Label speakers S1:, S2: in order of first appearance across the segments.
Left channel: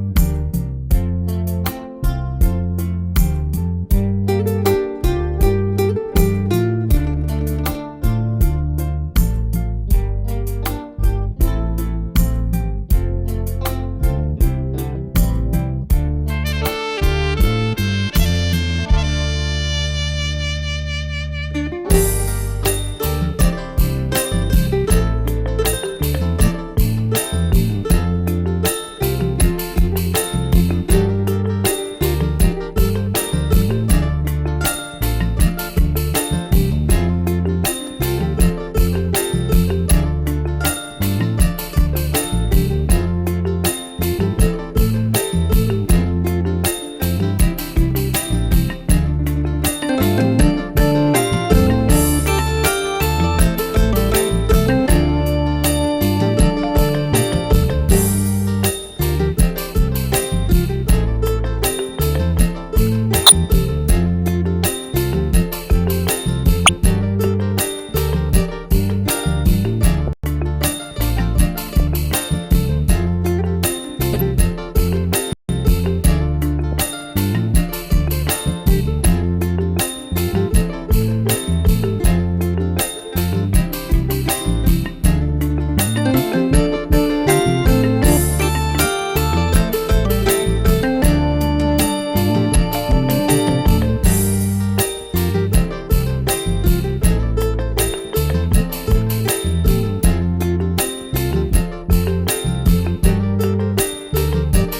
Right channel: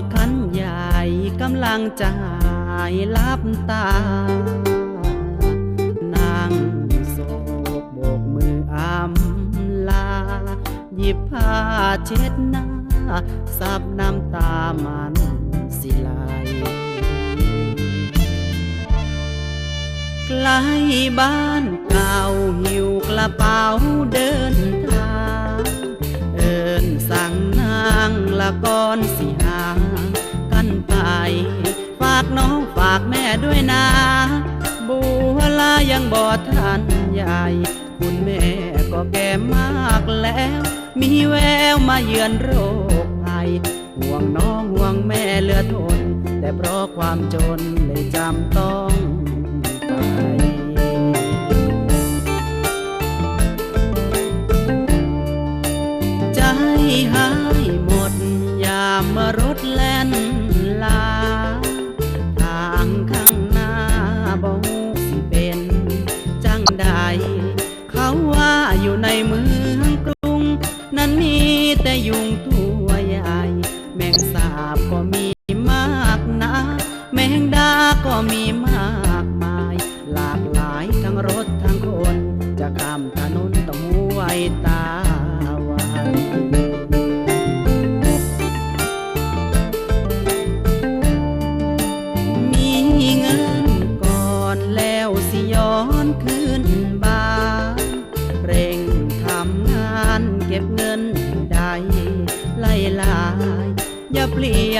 S1: ากคันใหญ่กำลังจะหายลับตา นางสศกโบกมืออำลา หยิบผ้าเช็ดหน้าซับน้ำตามันสิลหลใกล้บ้านเก่าหิวกระเป๋าเด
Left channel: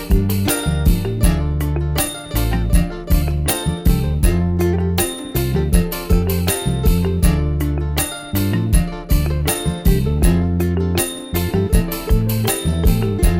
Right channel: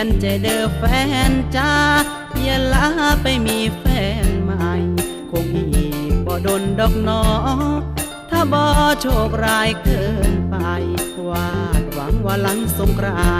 S1: ยนใจเด้อแฟนจ้าเย่าลาไปมีแฟนใหม่คงอีกบ่ดนดอกนอถ้าบ่โชคร้ายเกินไปวาดหวังว่าหลังสงกราน